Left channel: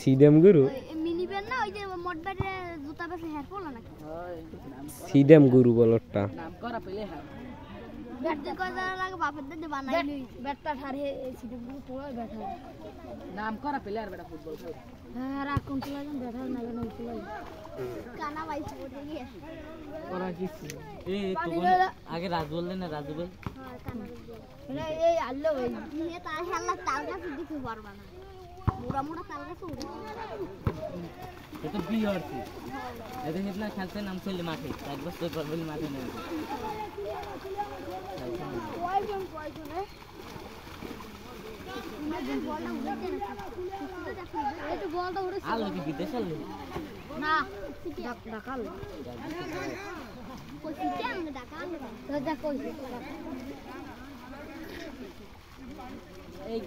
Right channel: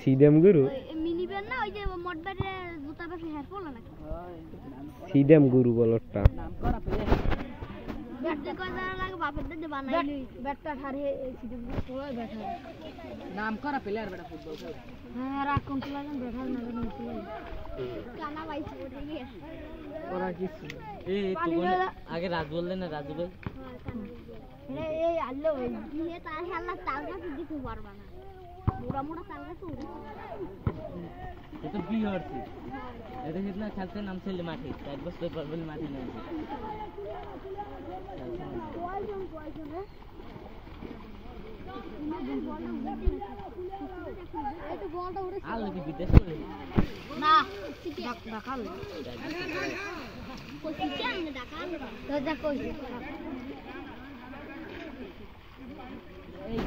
সিদেম গুরু mini ban না ওই যে মডবারে জুতা বসে হেয়ার পড়লো না সিদেম গুরু বলটা নাম করা পেয়ে ব্যাট করা লাগে বাপের দিতে বানাইলি ব্যাটটা হারে সিদেম গুরু পড়ে ব্যাটা নাম করা প্লেয়ার বেটা ফুটবল খেলে হ্যাঁ রাখুন তো লাগেন ব্যাটা না না তো কানা ভাই ছোট নিয়ে ওরা জিতছে এই আগে রাজ বললেন না রাজু ভাই হ্যাঁ কানা এই আল্লো ভাই নিয়ে তার হাল্লা তার কাছে দিতে পারবা না মোড়া মোড়া তার কাছে এটা বিয়ে হচ্ছে এটা হেতনা খেলতে নাম ছিল মাঠে এক বছর পর মাঠে নেই আলো কি বিদেশে না ঢাকাল কই চিয়াং ঢাকাল তো দেখো এই